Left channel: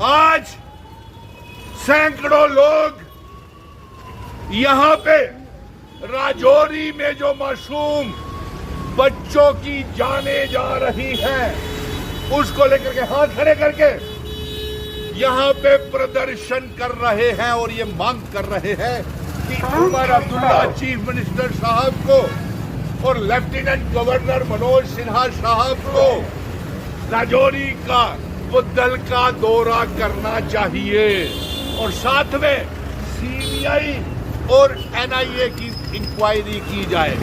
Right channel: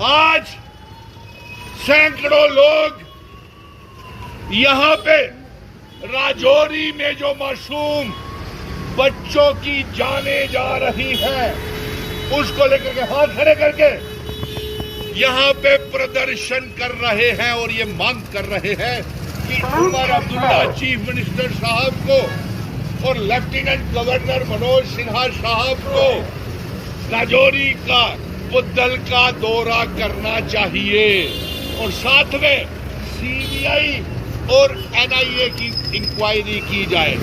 आज सैकड़ों लोग यहां पे राजौरी में जो मासूम बच्चों की जाने जा रही हैं, उसको लेकर के हाथ खड़े करके यहां पे प्रदर्शन कर रहे हैं और ये मांग कर रहे हैं कि उमर अब्दुल्ला चीफ मिनिस्टर साहब को और लेफ्टिनेंट गवर्नर मनोज सिन्हा साहब को राजौरी का बुद्धल का दौरा करना चाहिए और साथ में सीबीआई और एनआईए की इंक्वायरी की जाए।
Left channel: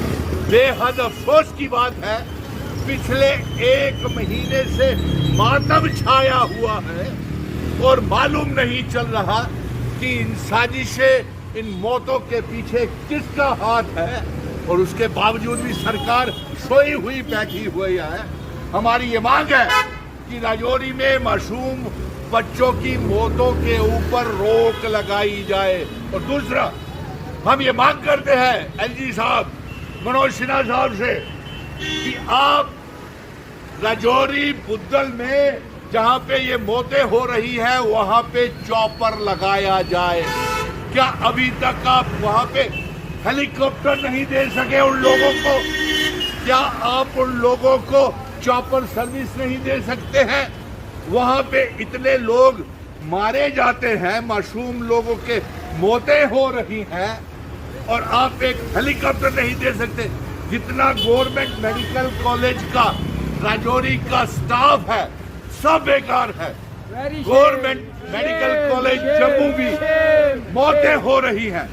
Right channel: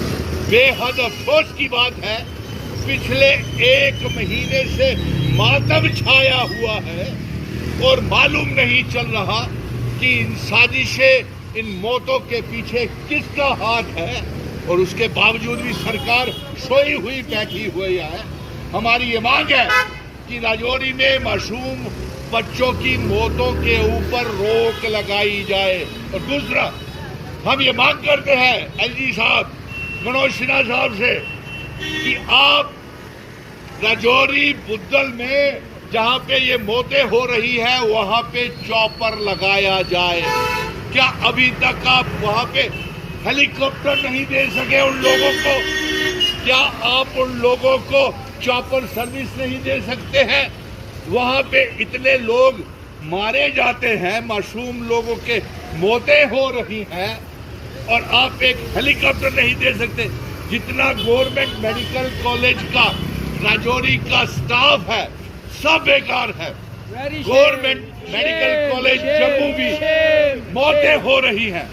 बेहद अफसोस की बात है, पिछले एक महीने से मातम छाया हुआ है और मालूम नहीं चल रहा कि इन साजिशें, इन मौतों के पीछे किसका हाथ है और उसके बावजूद भी सरकार सोई हुई बैठी हुई है। हमारी ये मांग है कि राजौरी में मासूम बच्चों की मौतों के ऊपर रोक लगाई जाए और दूसरा हम ये मांग करते हैं एलजी साहब, मनोज सिन्हा साहब से कि आप राजौरी बुद्धल में जहां पे ये मौतें हो रही है वहां पे चॉपर लगाया जाए। क्या अभी तक आप वहां पे हेलीकॉप्टर नहीं दे सके उन लोगों को? क्या आप उन लोगों को चॉपर सर्विस नहीं दे सकते हैं? वहां पे इतने लोग मारे जाते हैं, मासूम लोगों के मौतें हो रही हैं और आप एक हेलीकॉप्टर नहीं दे सकते? जितना गवर्नमेंट मेडिकल कॉलेज का राजौरी का स्टाफ है सब बेकार है। गवर्नमेंट मेडिकल कॉलेज जम्मू भी मौतें हो रही हैं।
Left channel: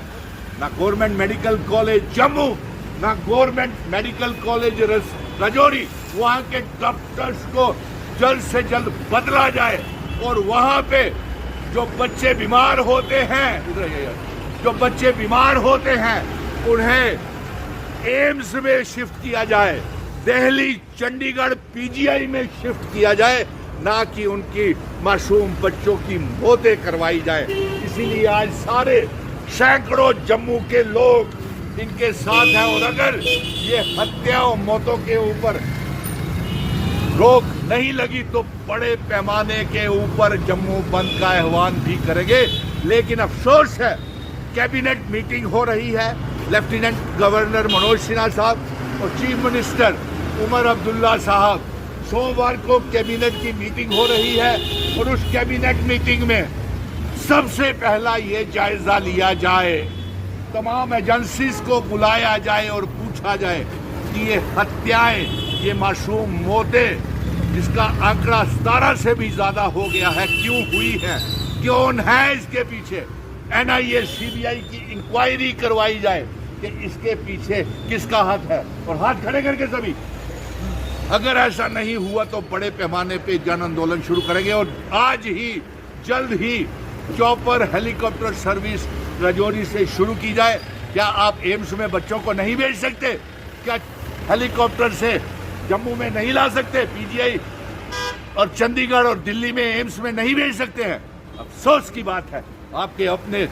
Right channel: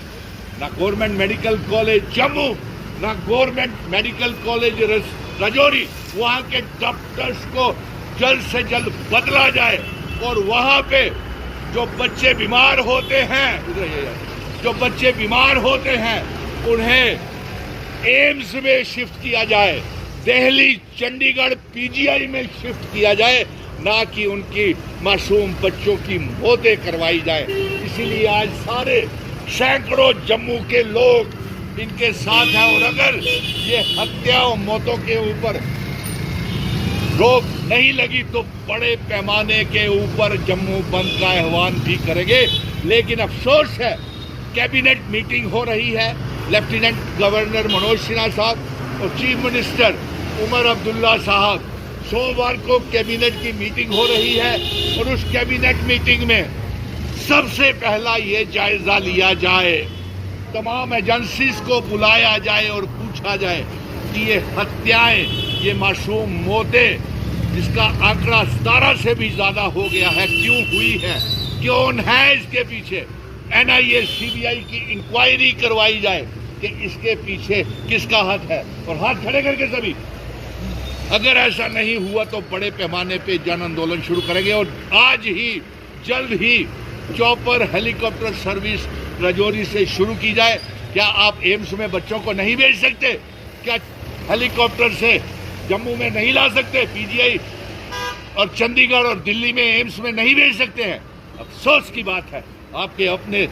ना गवर्नमेंट मेडिकल कॉलेज जम्मू, ना गवर्नमेंट मेडिकल कॉलेज राजौरी, वहां के डॉक्टर्स को जल्द से जल्द बदला जाए और वहां पे जो बच्चे बीमार होते हैं उन्हें एम्स में शिफ्ट किया जाए, दिल्ली चंडीगढ़ पीजीआई में शिफ्ट किया जाए, ना कि उनकी मासूम बच्चों की मौतें करवाई जाए। इसीलिए आज सारे सैकड़ों जम्मू के लोग इनके साथ हैं और अगर ये हत्या और मौतों के ऊपर रोक नहीं लगी तो बड़े पैमाने के ऊपर जम्मू बंद का आह्वान भी करेंगे। लेकिन अफसोस है, कैबिनेट मीटिंग हो रही है, लेफ्टिनेंट गवर्नर मनोज सिन्हा साहब और चीफ मिनिस्टर उमर अब्दुल्ला साहब, सोमवार को कैबिनेट की मीटिंग हो रही है और उस कैबिनेट मीटिंग में सबसे पहला ये जायजा लिया जाए, तमाम एजेंसीज को बुलाया जाए और पूछा जाए कि ये हत्याएं, ये मासूम मौतें जिसका आंकड़ा 17 से भी ज्यादा हो गया है, क्यों हुई है, कौन है इसके पीछे? एनआईए सीबीआई की इंक्वायरी करवाई जाए कि इसके पीछे किसका हाथ है और हाथ खड़े करके सभी। अगर ऐसा नहीं हुआ तो बड़े पैमाने पे जन आंदोलन शुरू करेंगे और आज ही जल्द ही चॉपर हेलीकॉप्टर सर्विस राजौरी से शुरू की जाए। क्या आप एम्स में बच्चों को नहीं भेज सकते? क्या हेलीकॉप्टर से जम्मू में नहीं ला सकते? पीजीआई और चंडीगढ़ और दिल्ली में एम्स में नहीं भेज सकते हैं? अफसोस की बात है, आपके अपने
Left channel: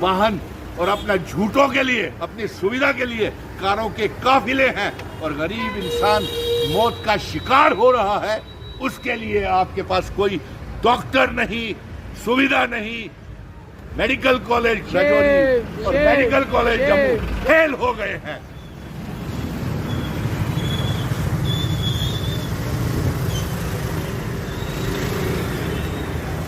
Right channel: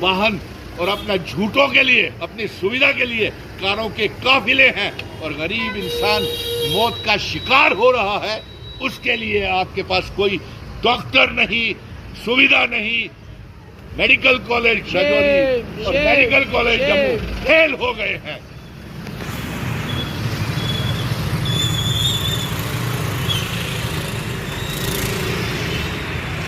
वाहन और अपना झूठों के लिए, अपनी सुविधा के लिए कारों के काफिले हैं और गरीब इंसान मौत का शिकार हो रहा है। उसके लिए आपके पास कोई डॉक्टर नहीं, सुविधा नहीं। मेडिकल कॉलेज राजौरी और मेडिकल कॉलेज जम्मू फेल हो गए हैं।